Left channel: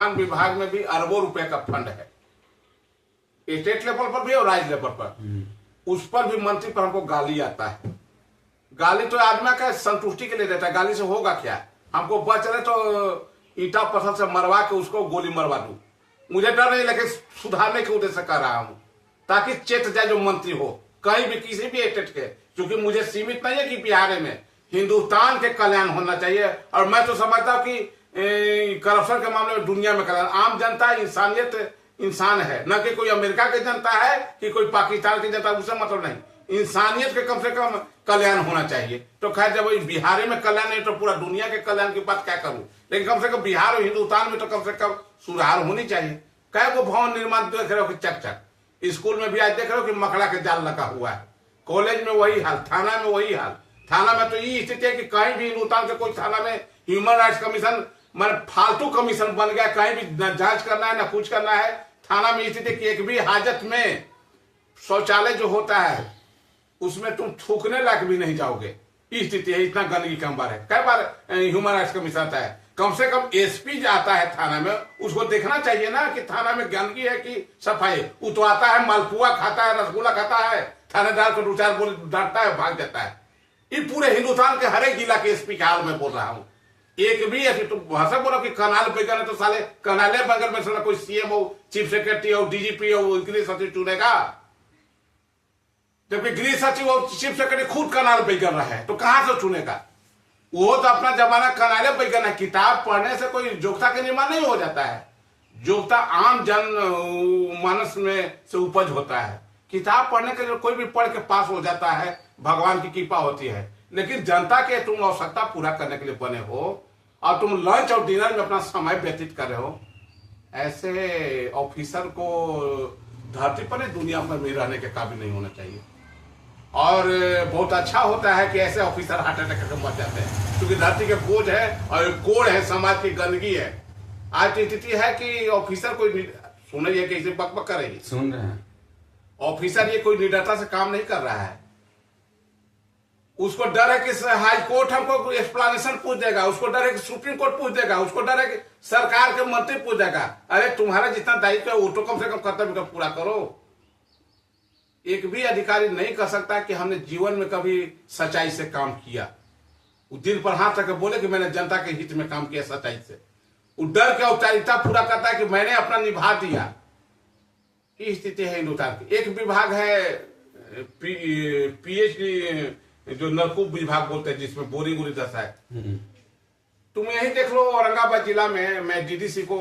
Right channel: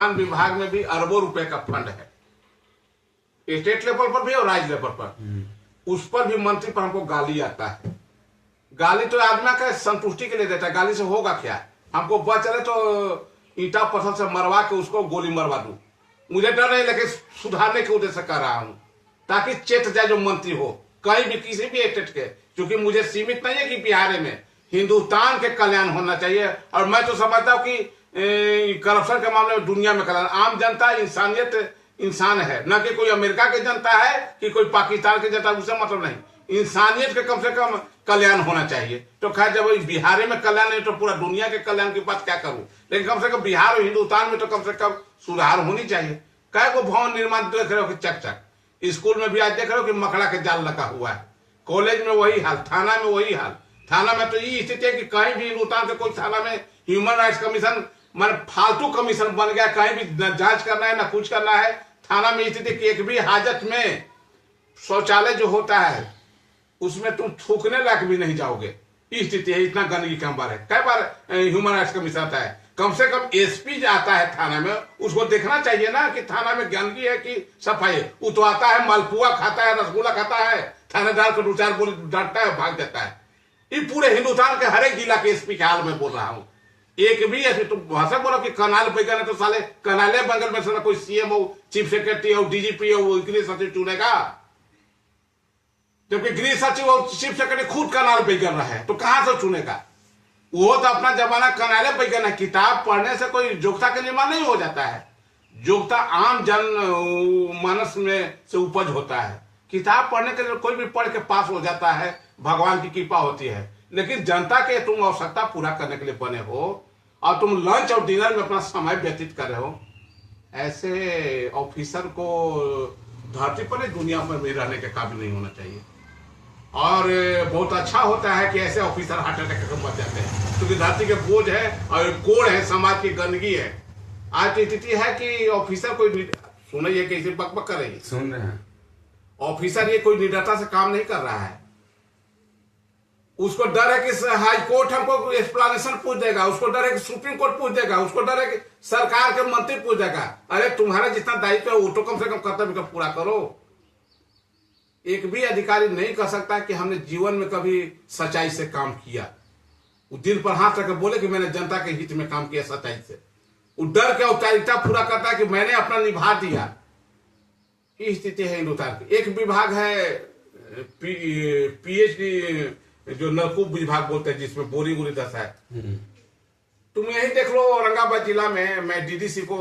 विभाग में भी अरबों रुपए का फंड है, स्टेट लेवल पर भी और राज्य लेवल पर। उस पर भी मंत्री पर हमको गाली आता है। गाली तो आदमी का संतुष्टि के लिए देता है, गाली से होगा क्या? हमको पता चले तो ईटा पत्थर से मरवा के उसको गोली मरवा दूं। मुझे डर नहीं, लेकिन सुधारने के उद्देश्य कर रहा हूं ताकि चेत जाए जो मंत्री हो कहीं भी किसी भी स्टेट के। क्योंकि मुझे सीमित नहीं है कि बिहार में, हिंदुस्तान के कल्याण होना चाहिए। और मैं तो समझता हूं कि करप्शन के मामले में दुनिया में कल्याण, आम जनता इंसानियत इंसान है, न कि कोई अमेरिका की जनता है कि कोई पाकिस्तान की जनता, उससे मतलब नहीं। इंसानियत के कम से कम कल्याण होना चाहिए। तो खैर, जब बिहार में कल्याण नहीं तो पूरा दुनिया के कल्याण की बात क्या करूं, लेकिन कम से कम बिहार और हिंदुस्तान में तो कम से कम सुधार होनी चाहिए। कै को भवन निर्माण देख रहे हो कि चक, स्कूल में भी आज देख रहे हो कि मकड़ा के जाल लगा हुआ है, कॉलेज में वही हाल, थाना में वही हाल। थाना में तो ये स्थिति है कि कहीं भी हिंदुस्तान से कोई थाना में ह्यूमन राइट्स कमीशन मान फालतू कमीशन बन गया, कहीं भी न जांच करना है ना कुछ करना है। थाना में स्थिति कि एक भी हाजत में शौचालय जो होता है उसमें तुम थूकने लायक भी नहीं जाओगे, स्थिति है। इतना गंदगी का अंबर है। कई बार ह्यूमन राइट्स कमीशन आता है, कम से कम एसपी आता है थाना में, उसको देखना चाहिए ना कि थाना में गंदगी है कि सफाई। वो तो आता है, मालपुआ खाता है, रसगुल्ला खाता है, थानेदार को दो चार बोल डांटता है, भाग जाता है। ये पूरे हिंदुस्तान के हर एक जिला के एसपी के हाल में बोल रहा हूं। एक भी ऐसी तुम भाषा बोलो कि कनाल बैगन है तो साले कनाले बगल में साला कोई सीएम हो, चीफ सेक्रेटरी हो, डीजीपी हो, गृह सचिव चुनेगा। जबकि गृह सचिव और चीफ सेक्रेटरी खुद कनाल बैगन रहा है तो कहां से चुनेगा? वो तो अपना जमाना कनाले बैगन है। किताब पढ़ने से कोई योग्यता का निर्माण नहीं हो जाता है। योग्यता आम जन मानस में से उपज होता है। किताब पढ़ने के लिए कोई भी पढ़ के पास हो जाता है, भगवान की कृपा होती है। लेकिन जनता के तुम आवश्यकता पूरा करने के लिए बने हो और तुम लंच और डिनर में अपना समय व्यतीत कर रहे हो, ऐसे ऑफिसर को धरती पर नहीं दुनिया पर भी रहने के काबिल नहीं होना चाहिए। और बहुत अच्छा होता है कि ऐसे ऑफिसर हार्ट अटैक से मर जाते हैं, क्योंकि धरती के बोझ है और कोड़ है, समाज की गंदगी है। आज की स्थिति है कि ऑफिसर कोई सुनिए कैसे बकबक कर रही, सुन रहे हैं। ऑफिसर ये कोई निडरता से काम नहीं कर रहा है। उसको डर है कि हाई कोर्ट हमको एक्सप्लेनेशन पूछ देगा, उसको डर है कि सुप्रीम कोर्ट पूछ देगा, उसको डर है कि सरकार के मंत्री पूछ देगा। अरे तुम्हारा जितना दायित्व है वो तो कम से कम कर्तव्य का पूरा करो। एक भी अधिकारी नहीं कर सकता कि हमने जीवन में कभी सच्चाई से काम किया। वो दिल पर हाथ रख बोले कि मैंने जनता के हित में काम किया सच्चाई से। वो डर के औपचारिकता पूरा करता है कि मैंने अपना निभा दिया। ये स्थिति है हिंदुस्तान की। एक विभाग है पीएचडी जो नलकूप विभाग बोलते हैं, जिसमें बोरिंग उरी दशा है। तुम यही देख लो, औरंगाबाद जिला में मैं डीडीसी को